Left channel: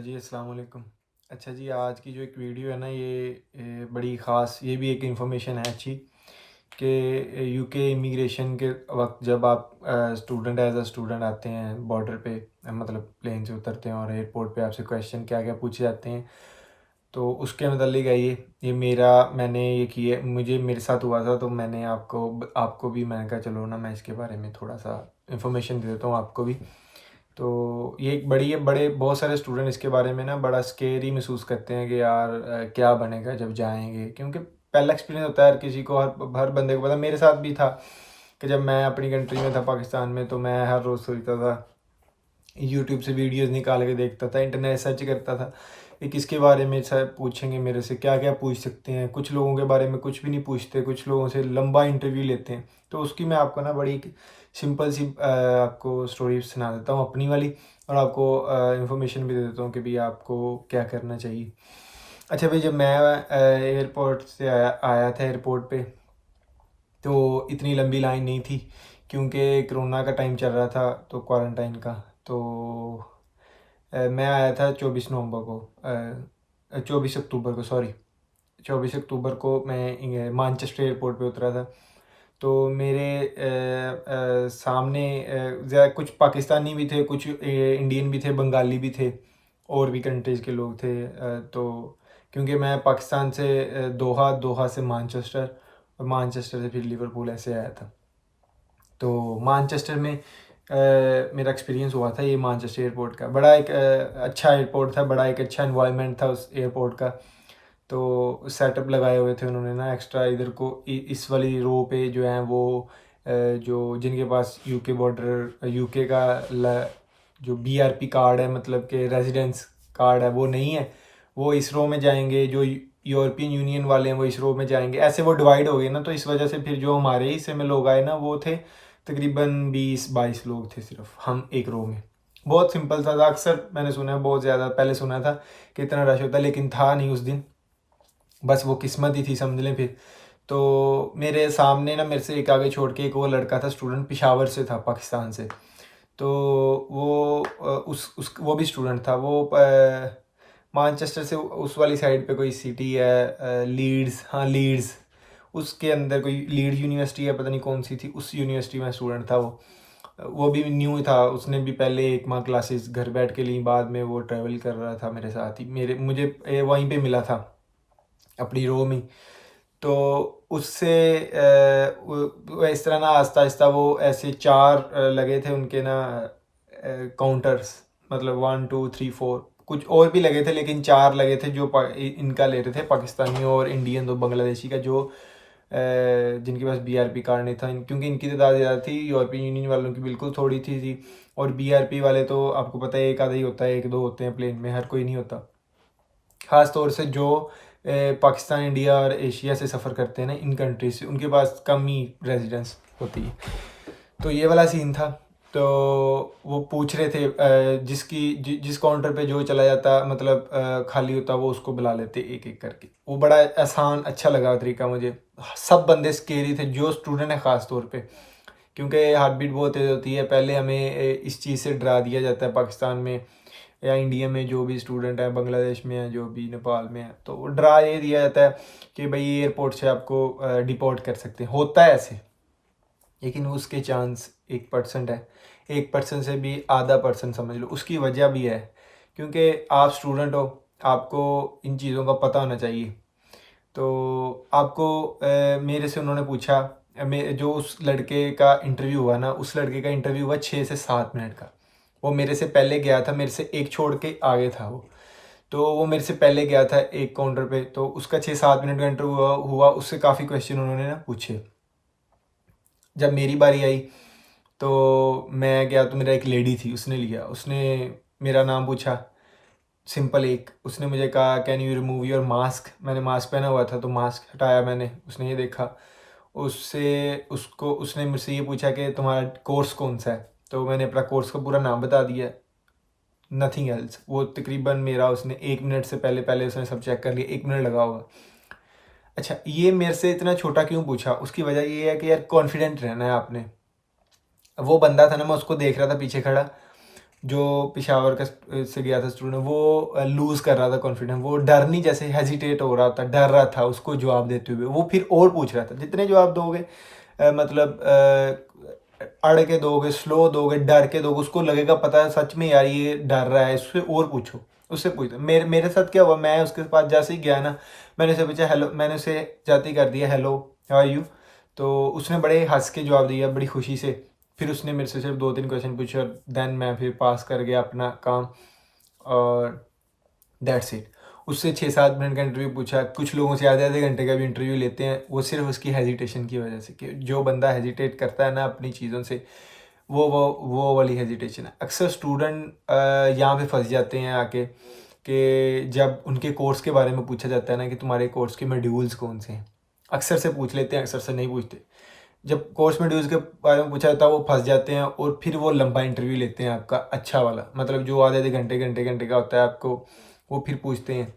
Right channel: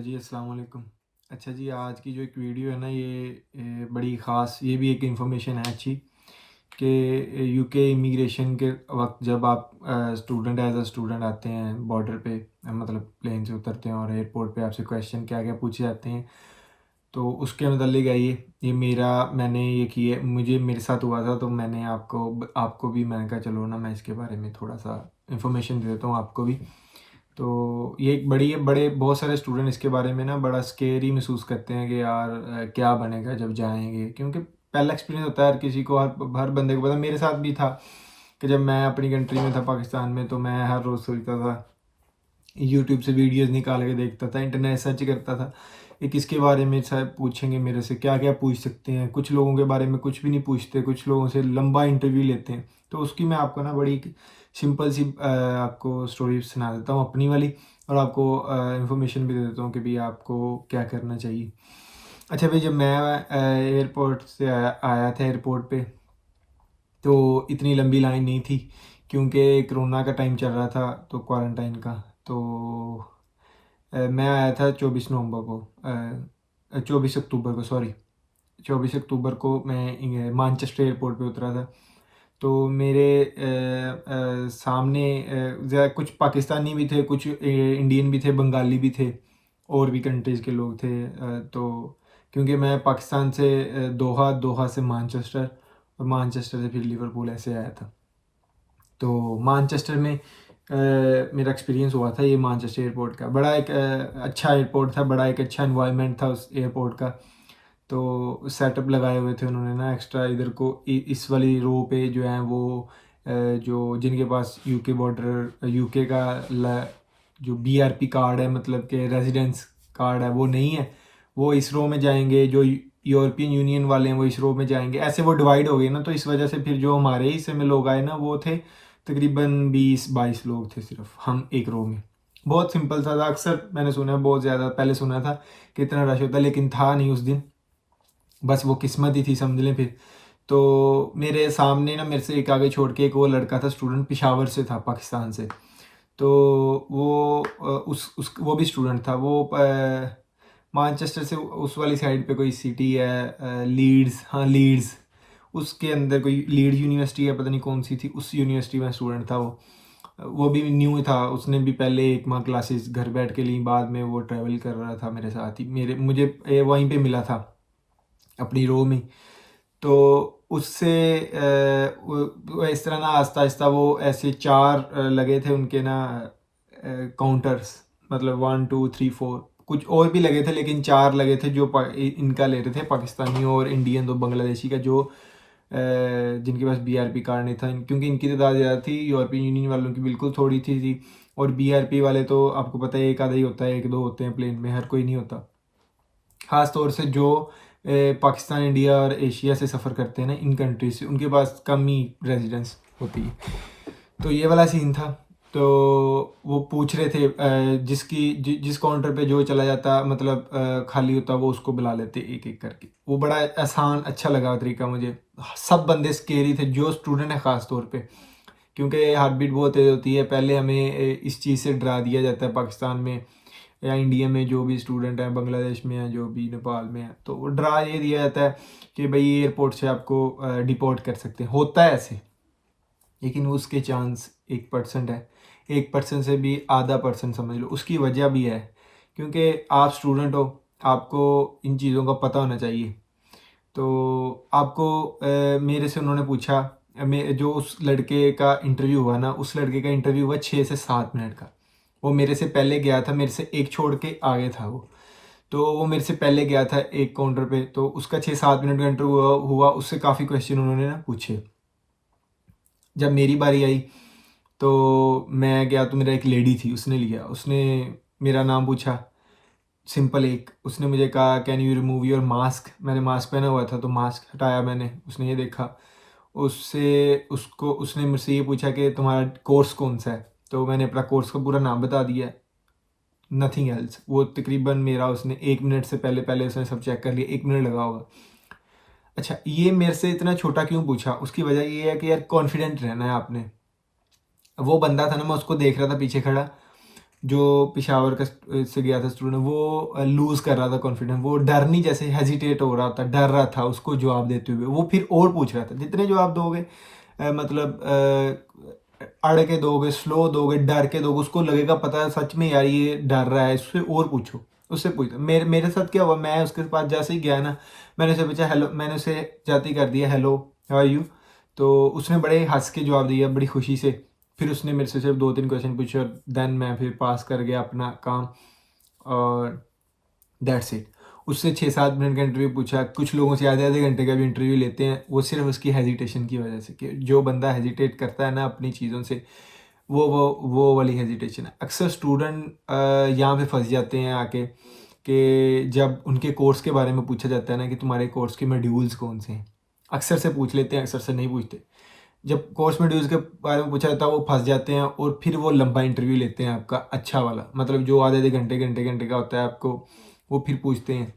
Hello जी, अस्सलाम वालेकुम। अच्छा जी, आज की जो एक वीडियो है ना, ये बड़ी ख़ास, ये भी एक इन्फॉर्मेशन है अच्छी कि यूके इमिग्रेशन के वक्त जब आप स्टूडेंट एज अ स्टूडेंट आते हैं बॉर्डर पे, मतलब प्लेन से उतरते हैं और एयरपोर्ट पे आपसे क्वेश्चन क्या क्या पूछे जाते हैं। तो उसके मतलब है ये मैंने ये किया, मुझे मेरे साथ हुआ था, तो मैंने आपको आपको भी मैंने कहा चलो ना, मैं इसके बारे में थोड़ा सा इन्फॉर्मेशन दे देता हूँ आपको भी। तो ये एक बड़ी बड़े बहुत सारे स्टूडेंट इसके बारे में ना बड़ा स्केरी महसूस करते हैं कि यार क्या बनेगा जब जाएंगे, क्योंकि पहला एक्सपीरियंस होता है हर किसी को, हर बंदे को पता। मेरे साथ भी था कि जब मैं अपनी कंट्री में था, पाकिस्तान में, तो मैं हर रोज़ सोचता था, यूट्यूब से वीडियोस निकाल के देखता था, इंटरनेट सर्च करता था कि किसके बारे में सब पूछेंगे, मेरे से क्या क्या पूछ सकते हैं। कुछ लोगों के बारे में कुछ भी नहीं पूछते, कुछ लोगों से लंबा इंटरव्यू लेते हैं। तो उसकी मैं आपको ना बड़ी सिंपल सी आपको स्टोरी सुना देता हूँ अपनी वाली, और आपको इंफॉर्मेशन भी दे देता हूँ कि भाई आपको क्या करना चाहिए। अच्छा भाई, जब मैं एयरपोर्ट से आया था एयरपोर्ट पे, तो इतनी लंबी लाइन नहीं थी, क्योंकि कोरोना का टाइम चल रहा था, तो क्वारंटाइन का। तो मैं आया था 24 नवंबर को, 24 अक्टूबर को, सॉरी, 24 अक्टूबर को मैं मानचेस्टर एयरपोर्ट पे उतरा था। तो मेरे सामने ज़रा कुछ पाकिस्तानी भी थे, कुछ इंडियन भी थे, बंगाली भी थे, और भी कंट्रीज़ के लोग थे। तो क्योंकि मैं पाकिस्तान से दोहा, दोहा से मानचेस्टर, और मानचेस्टर से फिर लिवरपूल ऐसे आया था। तो मानचेस्टर में मेरा एक्सपीरियंस हुआ था ये मानचेस्टर एयरपोर्ट का। बड़ा एक अच्छा एयरपोर्ट था, बड़ा एक अच्छा एनवायरनमेंट था उस एयरपोर्ट का। तो सेटअप लगाए हुए थे उन्होंने ना एक्स्ट्रा, इधर को इस वाली रो पे जो है वो जो जिनके पास यूके बॉर्डर, यूके का जो बीआरपी कार्ड है, मतलब कि रेजिडेंस कार्ड है, वो नहीं है, वो इस रो में जाएंगे। जो यूरोपियन यूनियन वाले हैं वो इस रो में जाएंगे। ऐसे वो डिवाइड हो गए ना, तो इस वजह से फिर जो हमारे हिस्से में लोग आए ना, वो थे तकरीबन 20-22 लोग थे सिर्फ हम एक रो में। बहुत सिंपल सा था। अक्सर मैंने सुना है, बहुत ज़्यादा पहले सुना था कि इतना रश होता है, लेकिन था नहीं उस दिन। बस वो किस्मत ही थी, समझ लें फिर। तो मेरे सामने ना, मेरे से एक आगे छोड़ के एक और लड़का था, स्टूडेंट, पिशावर से था, पाकिस्तान से। तो वो उस वो भी स्टूडेंट था। वो मानचेस्टर से उस वाली साइड पे कोई सिटी है, लीड्स, हाँ लीड्स, उसके अंदर कोई लीड्स यूनिवर्सिटी है, पता नहीं कौन सी थी, उस यूनिवर्सिटी में स्टूडेंट था वो भी न्यू था। उसने भी पहले एक माह क्लासेस घर बैठ के ली, बाद में वो ट्रैवल कर रहा था मेरे साथ ही, मुझे वहीं पे मिला था अपनी रो में। तो उससे वो इस तरह ना आहिस्ता आहिस्ता वो ऐसे चार लगे थे उनके ना काउंटर्स, मतलब 1 2 3 4, कुछ और भी लगे थे, लेकिन चार लगे थे जो इनका ले रहे थे, पाकिस्तानी और इंडियन, दो बांग्लादेशी का, जो जिनके पास बीआरपी कार्ड नहीं था। क्योंकि इनकी तादाद ज़्यादा थी, यूरोपियन यूनियन वालों की बिल्कुल थोड़ी थी। और बीआरपी वाले तो आपको पता है एक आधा ही होता है, एक दो होते हैं प्लेन में, हर कोई नहीं होता। ख़ास तौर से जो पाकिस्तान, इंडिया और एशिया से सफ़र करते हैं ना, इन कंट्रीज से, उनके पास कम ही रेजिडेंस होती है। तो ये वाला सीन था। तो वो पूछ रहे थे जिस काउंटर पे जो चला जाता, मतलब खाली होता, वो उसको बुला लेते एक एक करके। वो बड़ा आसान अच्छा लगा तरीका मुझे। सब बंदे स्केरी थे, जो स्टूडेंट है ख़ास तौर पे, क्योंकि हार्ट बीट बहुत तेज़ होती है। पहले हमें इस चीज़ से डरा दिया जाता है पाकिस्तान में या इंडिया में, जो भी स्टूडेंट है, बांग्लादेश में है, जो भी नेपाल में है, तो डरा ये दिया जाता है कि भाई एयरपोर्ट से आपको डिपोर्ट कर सकते हैं। होता है ऐसे, लेकिन उसके चांस 1% है। 1% से भी आधा परसेंट समझ लो। उसकी वजह भी है, क्योंकि आप स्टूडेंट हो, आपको इन चीज़ों का पता होना चाहिए। तो आपको मेरे से उन्होंने पूछा, जो उस लड़के का इंटरव्यू हुआ ना, उस लड़के का इंटरव्यू हुआ 6 से 7 मिनट का। वो मेरे से पहले गया था, मेरे से एक छोड़ के आगे था वो। तो वो मेरे से पहले गया था एक काउंटर पे, तो उसका 6-7 मिनट का इंटरव्यू हुआ। उससे काफ़ी क्वेश्चन उन्होंने ना पूछे। जब मेरी बारी आई, तो मैं गया, तो मेरा एक लेडी थी, उसने लिया, उसने मेरा नाम पूछा, सिंपल एक। उसने मुझे कहा can you remove your mask. मैंने मास्क पहना हुआ था, तो मास्क हटाया मैंने। उसने ये देखा, उसने मुझसे ये पूछा कि तुम्हारा कोर्स कौन सा है। तो मैंने अपना कोर्स का पूरा नाम बता दिया, नथिंग एल्स। वो तकरीबन मेरा, उसने 1 मिनट से पहले पहले उसने सब चेक कर लिया, 1 मिनट लगा होगा। अच्छा, ये मेरे से इतना छोटा क्यों पूछा? उसकी वजह ये है कि यार कॉन्फिडेंट रहना है आपने। वो बंदा था ना, मैं उसको देख रहा था पीछे खड़ा, जो पेशावर का से गया था स्टूडेंट, वो लूज़ कर रहा था कॉन्फिडेंस, वो डर नहीं, जैसे हेजिटेट हो रहा था, डर रहा था उसको जवाब देते हुए, वो फिर और पूछ रहा था। जितने जवाब दोगे मतलब अड़ के दोगे, स्लो दोगे, डर के दोगे, उसको लगेगा पता है सच में यार ये डर रहा है, इससे और पूछो, उससे पूछो। मेरे मेरे साथ क्या हुआ, मैं उसके पास जैसे ही गया ना, मैंने उसे पूछा हेलो, मैंने उसे जाते ही कर दिया हेलो हाउ आर यू, तो उसने बड़े हंस के जवाब दिया बड़ी खुशी से। फिर उसने मेरे से सिर्फ 2-3 क्वेश्चन पूछे और देन मैं फिर पास कर गया अपना काम, और दैट्स इट। उससे 6-7 मिनट का इंटरव्यू पूछा। कुछ लोगों से आधे आधे घंटे का भी इंटरव्यू लेते हैं, वो सिर्फ उसकी हेजिटेशन की वजह से, कि जो बंदा हेजिटेट करता है ना अपनी चीज़ों से, वो वाली हेजिटेशन है। अक्सर स्टूडेंट यहाँ पे फंस जाते हैं आके, कि जब उनके कोर्स के बारे में पूछा जाता है ना कि तुम्हारे कोर्स के मॉड्यूल्स कौन से हैं, अक्सर से पूछ लेते हैं, अक्सर से नहीं पूछते। जब कोर्स मॉड्यूल्स के बारे में पूछा जाता है वो फंस जाते हैं, और फिर वो लंबा इंटरव्यू लेते हैं आपका, अच्छा वाला, मतलब जो आधे आधे घंटे घंटे घंटे का होता है आपको, वो फिर पूछते हैं।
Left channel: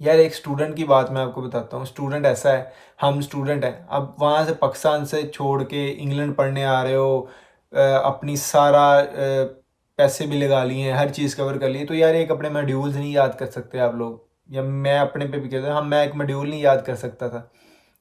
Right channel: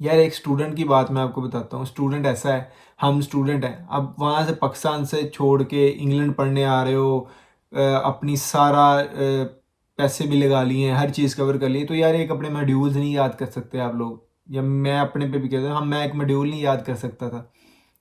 यार एक स्टूडेंट की बात मैं आपको बताता हूँ, स्टूडेंट ऐसा है, हम स्टूडेंट हैं, अब वहाँ से पाकिस्तान से छोड़ के इंग्लैंड पढ़ने आ रहे हो, अपनी सारा पैसे भी लगा लिए हैं, हर चीज़ कवर कर ली, तो यार एक अपने मॉड्यूल्स नहीं याद कर सकते आप लोग, या मैं अपने पे भी कहता हूँ, हम मैं एक मॉड्यूल नहीं याद कर सकता था।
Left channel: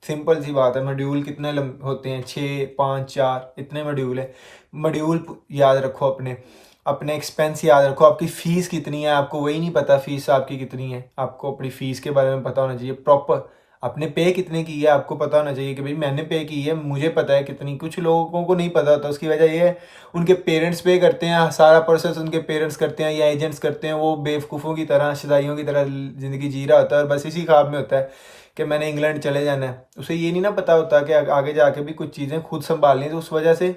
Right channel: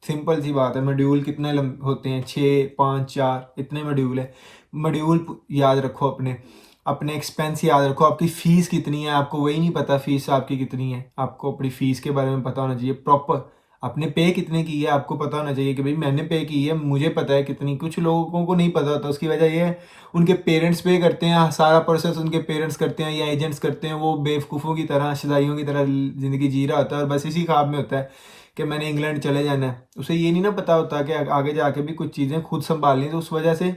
सिंपल सी बात है, मॉड्यूल कितने होते हैं, 6, 5, 4 इतने मॉड्यूल है। मॉड्यूल याद रखो, अपने अपने एक्सपेंस याद रखो, आपकी फ़ीस कितनी है, आपको वही नहीं पता फ़ीस आपकी कितनी है, आपको अपनी फ़ीस के बारे में पता होना चाहिए प्रॉपर। आपने पे कितने की है आपको पता होना चाहिए, कि भाई मैंने पे की है, मुझे पता है कितनी। कुछ लोगों को नहीं पता होता, उसकी वजह ये है उनके पेरेंट्स पे करते हैं, सारा प्रोसेस उनके पेरेंट्स करते हैं या एजेंट्स करते हैं, वो बेवकूफ़ों की तरह, शदाइयों की तरह ज़िंदगी जी रहा होता है, और बस इसी ख्वाब में होता है कि मैंने इंग्लैंड चले जाना है। उसे ये नहीं ना पता होता कि आगे जाके भी कुछ चीज़ें खुद संभालनी, तो उस वजह से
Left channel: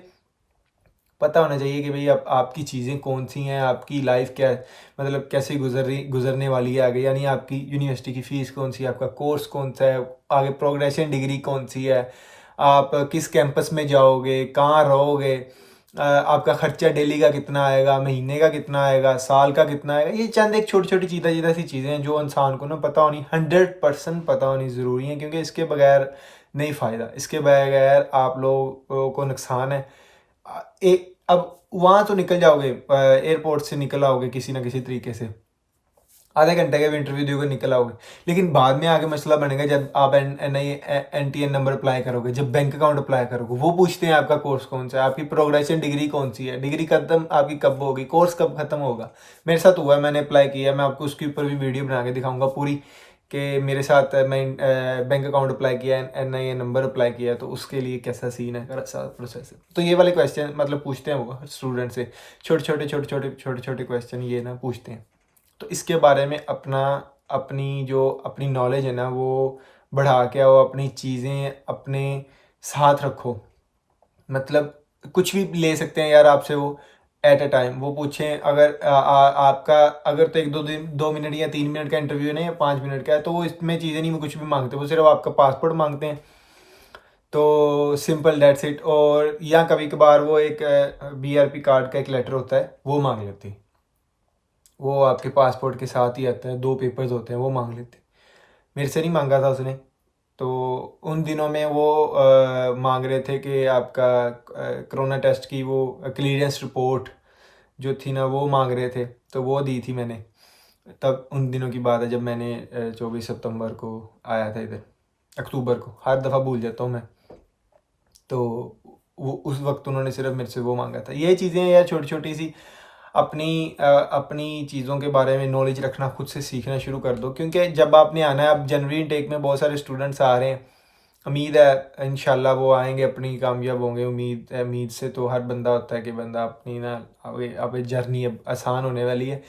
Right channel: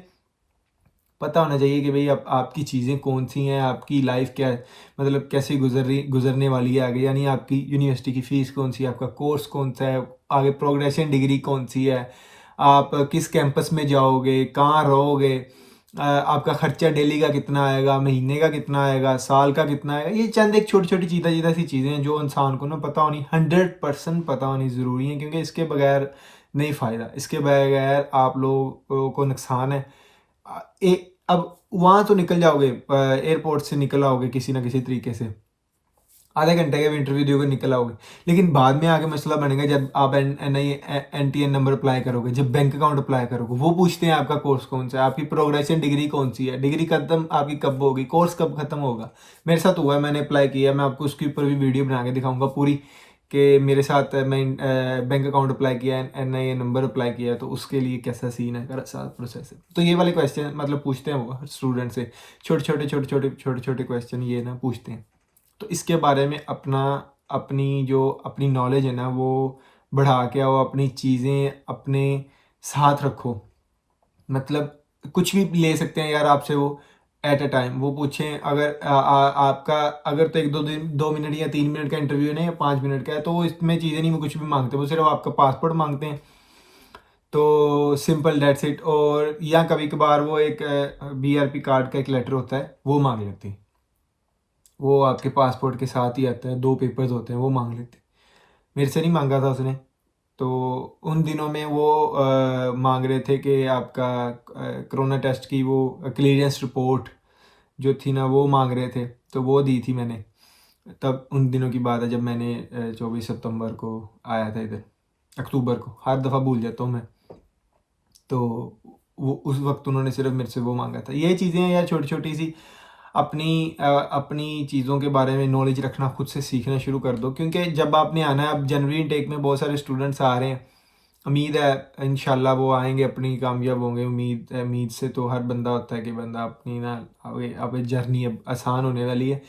पता होना चाहिए कि भाई अब आपकी चीज़ें कौन सी हैं, आपकी लाइफ क्या है, मतलब कैसे गुजरने वाली है आगे, यानी आपकी यूनिवर्सिटी की फ़ीस कौन सी है, आपका कोर्स कौन सा है, आगे प्रोग्रेशन डिग्री कौन सी है, आप किस कैंपस में जाओगे, कहाँ रहोगे, आपका खर्चा डेली का कितना आएगा, महीने का कितना आएगा, साल का कितना आएगा। ये चंद एक छोटी छोटी चीज़ा सी चीज़ें हैं जो इंसान को ना पता होनी, 100% पता होनी ज़रूरी है, क्योंकि इसके बगैर नहीं फ़ायदा, इसके बगैर आप लोगों को नुकसान है। अब वहाँ तो निकल जाओगे, एयरपोर्ट से निकल आओगे किसी ना किसी तरीके से, आधे घंटे का भी इंटरव्यू दोगे निकल आओगे, लेकिन बाद में आगे मसला बनेगा जब आप NTN नंबर अप्लाई करोगे, जब बैंक अकाउंट अप्लाई करोगे, वो पूछते हैं आपका कोर्स कौन सा है, आपकी प्रोग्रेशन डिग्री कौन सी है, डिग्री खत्म आपकी कब होगी, कोर्स कब खत्म होगा। मेरे साथ हुआ है, मैंने अप्लाई किया, मैं आपको उसके ऊपर भी वीडियो बना के दिखाऊंगा पूरी, कि मेरे साथ मैं बैंक अकाउंट अप्लाई किया, NIN नंबर अप्लाई किया, तो उसके लिए कैसा सीन है, सारा प्रोसेस है। तो ये वाले क्वेश्चन मतलब पूछते हैं वो स्टूडेंट से, छोटे छोटे क्वेश्चन ये ना पूछते हैं। तो इसके बारे में अपनी नॉलेज है ना वो बढ़ा के आओ, अपनी चीज़ें अपने साथ रखो, मतलब कुछ भी ले सकते हैं यार आपसे वो एट अ टाइम, वो पूछें अगर आपका अगर तो 1-2 मिनट या 3 मिनट का इंटरव्यू है ना, या 5 मिनट का है, तो वो इसमें चीज़ें नहीं, वो कुछ भी मांगते, वो सिर्फ आपका पासपोर्ट मांगते हैं, तो सिंपल डेट्स इट। और या कभी कभार वो एक BRP कार्ड का एक लेटर होता है, वो मांग लेते हैं, वो आपके पासपोर्ट के साथ ही आता है, 2 पेपर्स होते हैं, वो मांग लेते हैं। मेरे से नहीं मांगा था उसने, तो उन दिनों में वो मांग रहे थे कि आपका कोरोना टेस्ट की वो क्लियरेंस रिपोर्ट जो थी ना, वो मांग रहे थे, तो वो दी थी मैंने। तब उन दिनों की बात है जब मैंने 24 सितंबर को आया था इधर, अक्टूबर को, हर दफ़ा भूल जाता हूँ मैं। तो वो उस वक्त उन्होंने सिर्फ मेरे से वो मांगा था। ये चीज़ें या छोटी छोटी सी अपनी चीज़ों के बारे में नॉलेज रखना, खुद से सीखना शुरू कर दो, क्योंकि जब आपने आना है, अब जनवरी इनटेक में बहुत सारे स्टूडेंट्स आ रहे हैं, उम्मीद है इंशाल्लाह वो आएंगे, अपनी कामयाब होंगे, उम्मीद से तो हर बंदा होता है कि बंदा अपनी ना अब जर्नी अब आसान होने वाली है।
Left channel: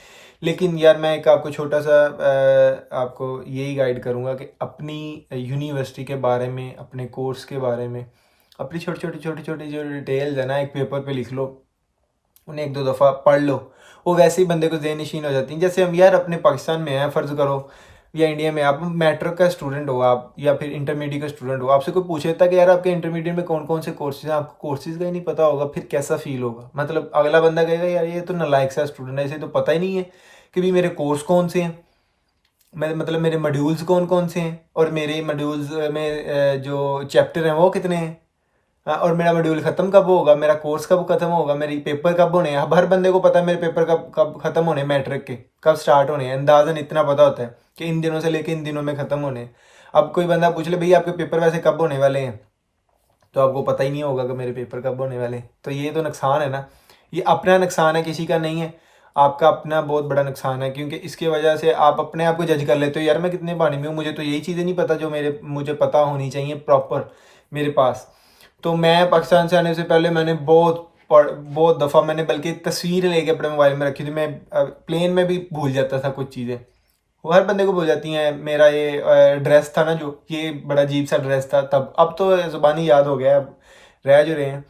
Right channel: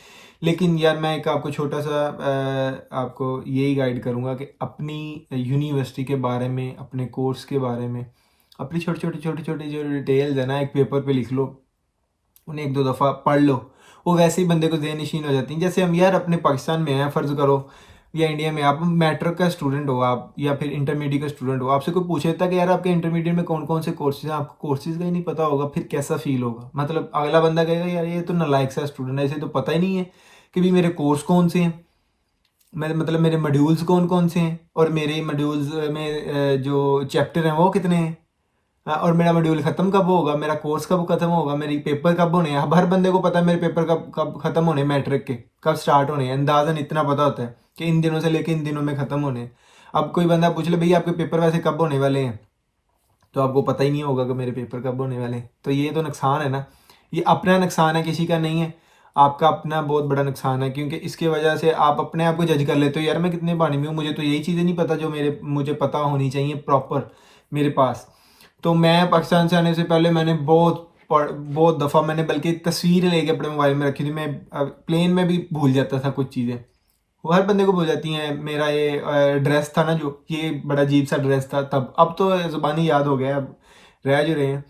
लेकिन यार मैं एक आपको छोटा सा आपको यही गाइड करूँगा कि अपनी यूनिवर्सिटी के बारे में, अपने कोर्स के बारे में, अपनी छोटी छोटी जो डिटेल्स है ना, एक पेपर पे लिख लो, उन्हें 1-2 दफ़ा पढ़ लो, वो वैसे ही बंदे को ज़हन नशीन हो जाती हैं। जैसे हम यार अपने पाकिस्तान में हैं, फ़र्ज़ करो, या इंडिया में, आप मैट्रिक का स्टूडेंट हो आप, या फिर इंटरमीडिएट का स्टूडेंट हो, आपसे कोई पूछे था कि यार आपके इंटरमीडिएट में कौन कौन से कोर्सेज हैं, आपको कोर्सेज का ही नहीं पता होगा, फिर कैसा फील होगा। मतलब अगला बंदा कहेगा यार ये तो नालायक सा स्टूडेंट है, इसे तो पता ही नहीं है कि भाई मेरे कोर्स कौन से हैं, मैं मतलब मेरे मॉड्यूल्स कौन कौन से हैं, और मेरे मॉड्यूल्स में जो चैप्टर हैं वो कितने हैं। और मेरा मॉड्यूल ख़त्म कब होगा, मेरा कोर्स कब ख़त्म होगा, मेरी पेपर कब होने हैं। अब हर बंदे को पता है मेरे पेपर कब कब ख़त्म होने, मैट्रिक के कब स्टार्ट होने हैं, अंदाज़न इतना पता होता है कि इन दिनों से लेके इन दिनों में ख़त्म होने हैं। अब कोई बंदा पूछ ले भैया आपके पेपर वैसे कब होने वाले हैं, तो आपको पता ही नहीं होगा कि मेरे पेपर कब होने वाले हैं। तो ये तो नुकसान है ना, ये अपना नुकसान है, किसी का नहीं है, आपका अपना बहुत बड़ा नुकसान है, क्योंकि इसकी वजह से आप अपने आप को जज कर लेते हो, यार मैं कितने पानी में हूँ, मुझे तो यही चीज़ें नहीं पता जो मुझे पता होनी चाहिए प्रॉपर मेरे पास। तो मैं पाकिस्तान से आने से पहले मैंने बहुत दफ़ा मैंने बल्कि तस्वीर लेके अपने मोबाइल में रखी थी। मैं प्लेन में भी भूल जाता था कुछ चीज़ें, वो हर बंदे को भूल जाती हैं। मेरा ये ड्रेस था ना, जो ये बड़ा अजीब सा ड्रेस था तब, अब तो ज़ुबानी याद हो गया, अब रह जो रहे हैं,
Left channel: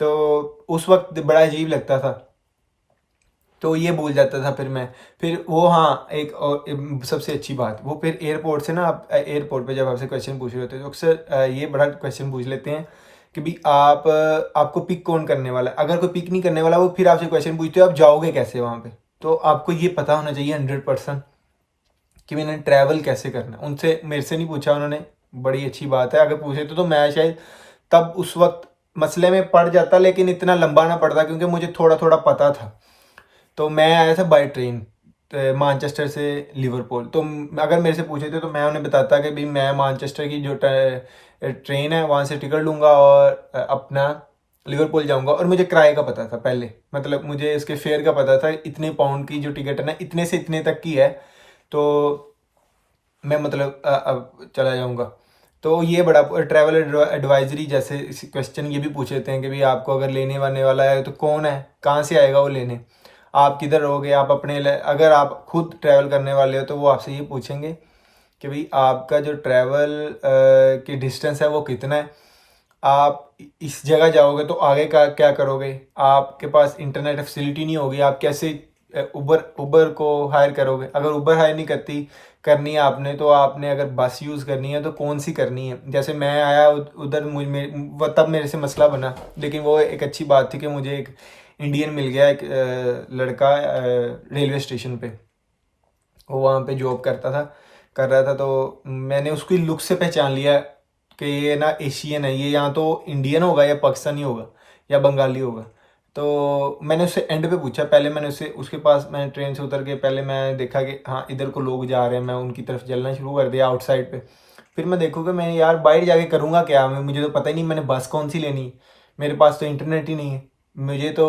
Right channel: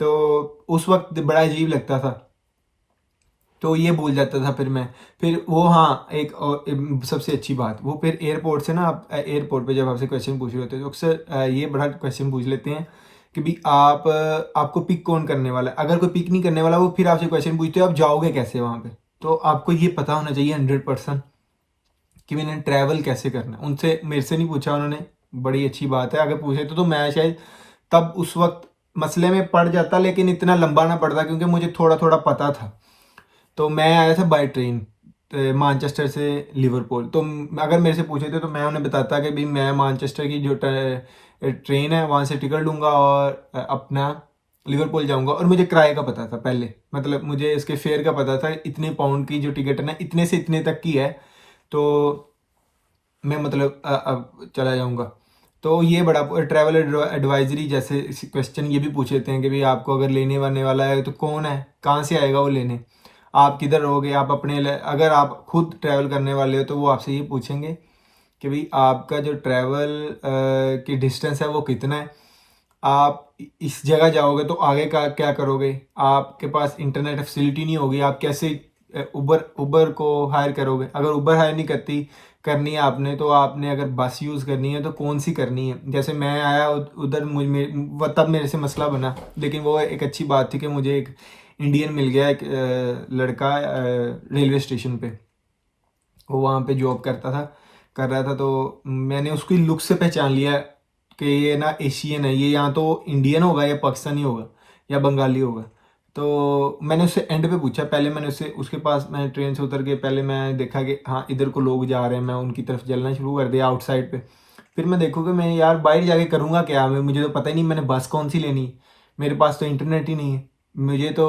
तो उस वक्त बड़ा अजीब लगता था, तो ये भूल जाता था फिर मैं। फिर वो हाँ, एक सबसे अच्छी बात, वो फिर एयरपोर्ट से ना, आप एयरपोर्ट पे जब आपसे क्वेश्चन पूछ रहे होते हैं तो अक्सर ये बड़ा क्वेश्चन पूछ लेते हैं कि भाई आपको पिक कौन करने वाला है। अगर कोई पिक नहीं करने वाला, वो फिर आपसे क्वेश्चन पूछते हो आप जाओगे कैसे वहाँ पे। तो आपको ये पता होना चाहिए 100% कि मैंने ट्रैवल कैसे करना है। उनसे, मेरे से नहीं पूछा उन्होंने, बड़ी अच्छी बात है। अगर पूछे तो मैं शायद तब उस वक्त मसले में पड़ जाता, लेकिन इतना लंबा ना पड़ता, क्योंकि मुझे थोड़ा थोड़ा पता था। तो मैं आया था बाय ट्रेन, मानचेस्टर से लिवरपूल। तो अगर मेरे से पूछे थे तो मैं उन्हें बताता कि भाई मैं मानचेस्टर की जो ट्रेन है वहाँ से टिकट लूँगा और अपना लिवरपूल जाऊँगा। और मुझे किराए का पता था पहले, मतलब मुझे इसके फेयर का पता था, इतने पाउंड की जो टिकट है ना, इतने से इतने तक की है, तो मैं मतलब अब चला जाऊँगा। तो ये बड़ा ट्रैवल एडवाइजरी जैसे क्वेश्चन ये भी पूछ लेते हैं कि भाई आपको अगर लेने वाने वाला है तो कौन है, कहाँ से आएगा वो लेने, आप किधर रहोगे, आप अगर आप खुद ट्रैवल करने वाले हो तो वो आपसे ये पूछेंगे कि भाई आपका जो ट्रैवल की डिस्टेंस है वो कितना है, आप इस जगह जाओगे तो आगे का क्या करोगे, आपके पास इंटरनेट फैसिलिटी नहीं होगी, आप कैसे उबर को हायर करोगे। अगर उबर हायर नहीं करनी है आपने, तो आपने अगर बस यूज़ करनी है तो कौन सी करनी है। जैसे मैं आया उधर, तब मेरे से मसला बना, लेकिन वो एक अच्छी बात थी कि मुझे एक इंडियन मिल गया, एक लड़का रेलवे स्टेशन पे, वो वहाँ पे जॉब कर रहा था। तो मैंने उसकी लुक से पहचान लिया कि ये ना एशियन है, ये या तो इंडियन होगा या पाकिस्तानी होगा या बंगाली होगा। तो मैंने उससे एंड पे पूछा, पहले मैंने उसके पास, मैंने ट्रेन से उतर के पहले मैं देखा कि हाँ इधर को लोग जा रहे हैं, मैं उनकी तरफ चलना शुरू कर दिया आउटसाइड पे। फिर मैं देखूँगा मैं यार बाहर जाके करूँगा क्या, मुझे तो पता ही नहीं मैंने बस कौन सी लेनी है, मेरे पास तो इंटरनेट ही नहीं है, मुझे तो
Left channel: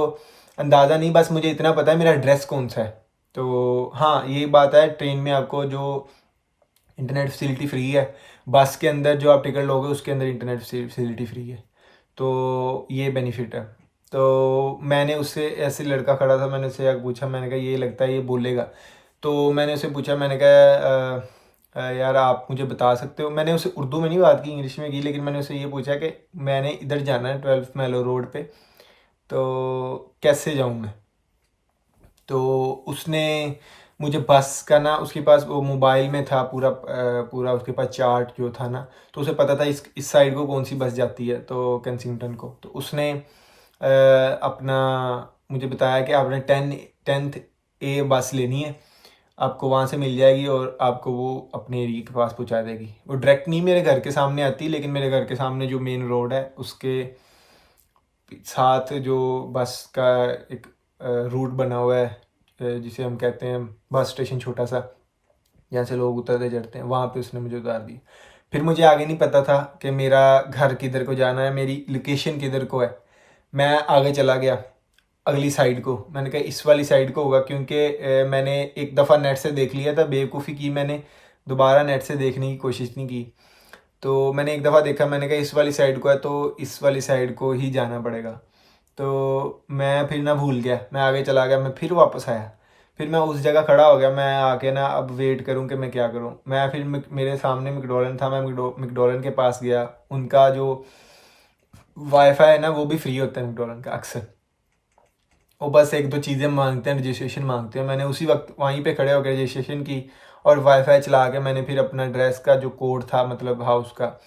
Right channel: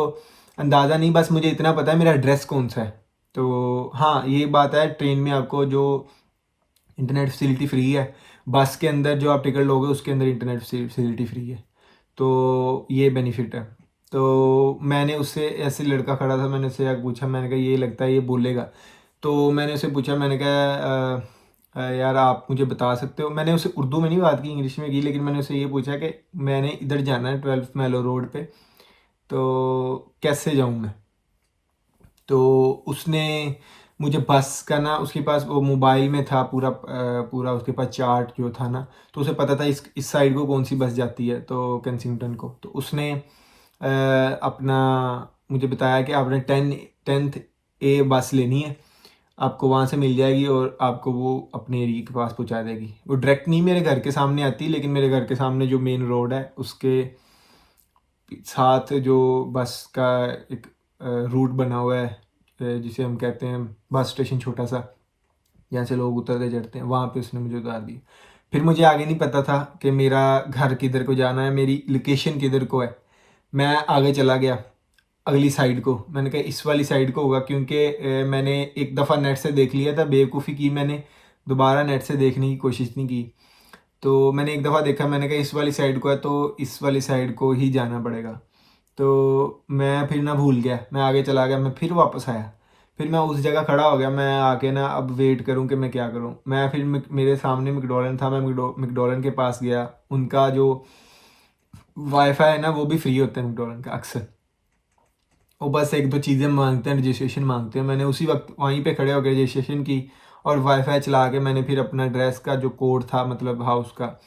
अंदाज़ा नहीं, बस मुझे इतना पता है मेरा एड्रेस कौन सा है। तो हाँ, ये बात है, ट्रेन में आपको जो इंटरनेट फैसिलिटी फ्री है, बस के अंदर जो आप टिकट लोगे उसके अंदर इंटरनेट फैसिलिटी फ्री है, तो ये बेनिफिट है। तो मैंने उससे, ऐसे लड़का खड़ा था, मैंने उससे आगे पूछा, मैंने कहा ये लगता है ये बोलेगा। तो मैंने उससे पूछा, मैंने कहा यार आप मुझे बता सकते हो, मैंने उससे उर्दू में नहीं बात की, इंग्लिश में की, लेकिन मैंने उससे ये पूछा कि मैंने इधर जाना है 12 मैलो रोड पे, तो कैसे जाऊँ मैं। तो उसने मुझे बस का ना, उसके पास वो मोबाइल में था पूरा उसके पास चार्ट जो था ना, तो उसे पता था इस साइड को कौन सी बस जाती है, तो केंसिंगटन को। तो उसने अपना मुझे बताया कि आपने 10th A बस लेनी है, आपको वहाँ से मिल जाएगी और आपको वो अपने एरिया के पास पहुँचा देगी। वो डायरेक्ट नहीं मेरे घर के सामने आती, लेकिन मेरे घर के सामने जो मेन रोड है उसके साथ जो बस का एक रूट बना हुआ है, जिसे हम कहते हैं बस स्टेशन छोटा सा, जहाँ से लोग उतरते चढ़ते हैं, वहाँ पे उसने मुझे उतार दी। फिर मुझे आगे नहीं पता था कि मेरा घर किधर को जाना है, मेरी लोकेशन किधर को है। मैं आगे चला गया अगली साइड को, मैंने कहा इस वाली साइड को होगा, क्योंकि मैंने एक दफ़ा नेट से देख लिया था, बेवकूफ़ी की मैंने, दोबारा नेट से देखने की कोशिश नहीं की। तो मैंने एक दफ़ा देखा, मैंने कहा इस वाली साइड को है, तो इस वाली साइड को ही जाना पड़ेगा। तो मैं फिर ना भूल गया, मैं आगे चला गया, मैं फिर वापस आया, फिर मैं उस जगह खड़ा हो गया, मैं आके ना अब वेट करूं कि मैं क्या करूं। मैं फिर मेरे सामने मैकडॉलन था, मैं मैकडॉलन के पास गया, उनका जो वाईफाई है ना वो भी फ्री होता है मैकडॉलन का अक्सर, वो बस एक दो चीज़ें मांगते हैं, रजिस्ट्रेशन मांगते हैं। मैंने उसी वक्त वहीं पे खड़े होकर रजिस्ट्रेशन की और वाईफाई चला के मैंने फिर अपना ड्रेस का जो कोड था, मतलब हाउस का,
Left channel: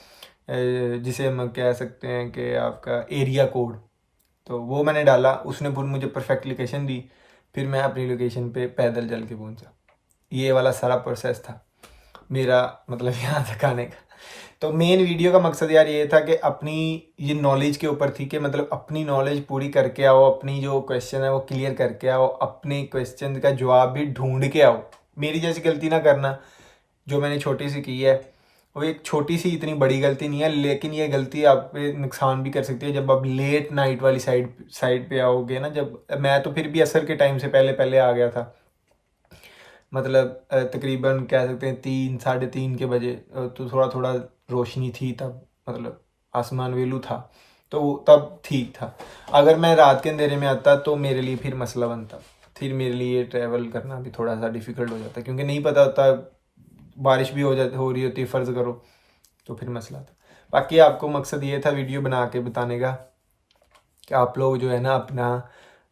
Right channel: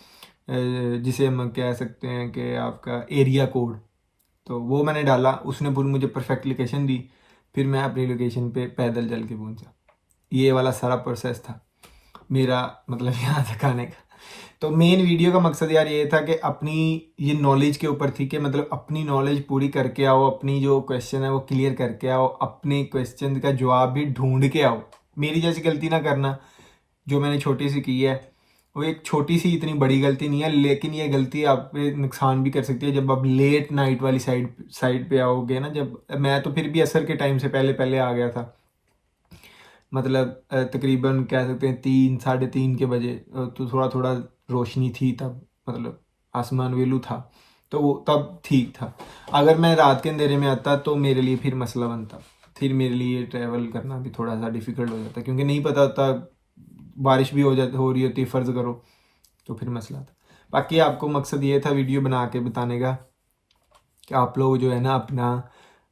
जिसे हम कह सकते हैं कि आपका एरिया कोड, तो वो मैंने डाला, उसने पूरी मुझे परफेक्ट लोकेशन दी। फिर मैं अपनी लोकेशन पे पैदल चल के पहुंचा। ये वाला सारा प्रोसेस था मेरा, मतलब यहाँ तक आने का। तो मेन वीडियो का मकसद यार ये था कि अपनी ये नॉलेज के ऊपर थी कि मतलब अपनी नॉलेज पूरी करके आओ, अपनी जो क्वेश्चन है वो क्लियर करके आओ, अपने क्वेश्चन का जवाब भी ढूंढ के आओ। मेरी जैसी गलती ना करना जो मैंने छोटी सी की है। वो एक छोटी सी इतनी बड़ी गलती नहीं है, लेकिन ये गलती आप पे नुकसान भी कर सकती है जब आप लेट नाइट वाली साइड पे आओगे ना। जब मैं तो फिर भी असर के टाइम से पहले पहले आ गया था, मतलब तकरीबन कह सकते हैं 3 साढ़े 3 के बजे, तो थोड़ा थोड़ा रोशनी थी तब, मतलब आसमान वेलू था, तो तब ठीक था। अगर मैं रात के अंधेरे में आता तो मेरे लिए फिर मसला बनता, फिर मेरे लिए ट्रैवल करना भी थोड़ा सा डिफ़िकल्ट हो जाता, क्योंकि नहीं पता होता, बारिश भी हो रही होती, फ़र्ज़ करो, तो फिर मसला था। बाकी आपको मकसद ये था वीडियो बना के बताने का कि आप लोग जो है ना अपना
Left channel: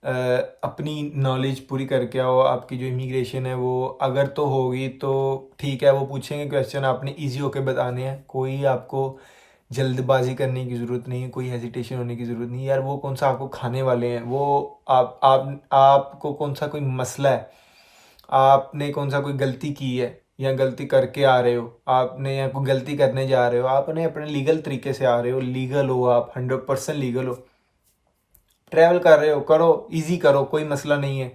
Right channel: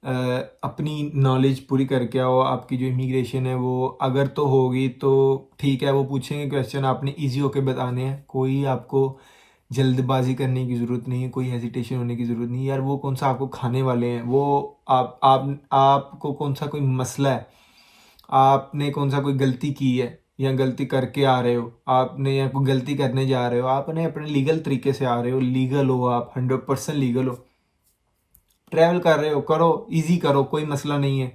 अपनी नॉलेज पूरी करके आओ। आपकी जो इमिग्रेशन है वो अगर तो होगी तो ठीक है, वो पूछेंगे क्वेश्चन, आपने इजी होके बताने हैं, कोई आपको जल्दबाजी करने की ज़रूरत नहीं है, कोई हेजिटेशन होने की ज़रूरत नहीं है यार। वो कौन सा आपको खाने वाले हैं, वो आपको कौन सा कोई मसला है, आपने कौन सा कोई गलती की है या गलती करके आ रहे हो आपने, या कोई गलती करने जा रहे हो, आपने अपने लीगल तरीके से आ रहे हो, लीगल हो आप, 100% लीगल हो, ट्रैवल कर रहे हो, करो, इजी करो, कोई मसला नहीं है।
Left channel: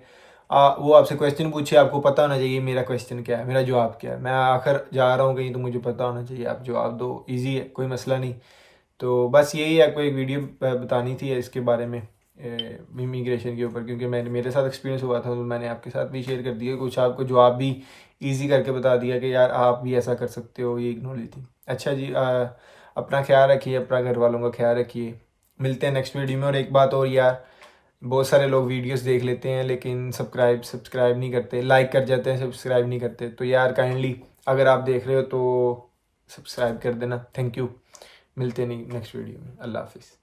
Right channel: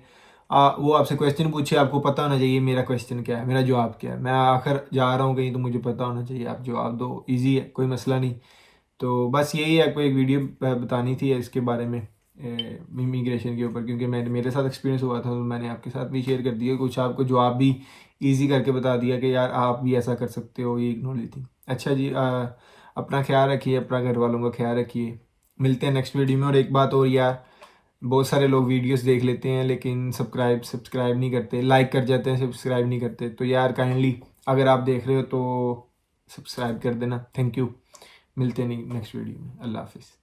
वो आपसे क्वेश्चन पूछे, आपको पता होना चाहिए मेरा क्वेश्चन क्या है, मेरा जवाब क्या है, मैं आखिर जा रहा हूँ कहीं तो मुझे पता होना चाहिए, आप जवाब दो, इजी है, कोई मसला नहीं। तो बस यही आपको एक वीडियो बतानी थी इसके बारे में, इमिग्रेशन के ऊपर, क्योंकि मैंने मेरे साथ एक्सपीरियंस हुआ था, तो मैंने आपके साथ भी शेयर कर दिया, कुछ आपको जवाब भी ईजी करके बता दिया कि यार आप भी ऐसा कर सकते हो, ये एक नॉलेज थी। अच्छा जी, अपना ख्याल रखिए, अपना घर वालों का ख्याल रखिए, मिलते हैं नेक्स्ट वीडियो में। और एक बात और यार, बहुत सारे लोग वीडियोस देख लेते हैं लेकिन सब्सक्राइब नहीं करते, लाइक कर जाते हैं, सब्सक्राइब नहीं करते, तो यार काइंडली अगर आप देख रहे हो तो सब्सक्राइब कर देना, थैंक यू। मिलते नहीं नेक्स्ट वीडियो में, अल्लाह हाफिज़।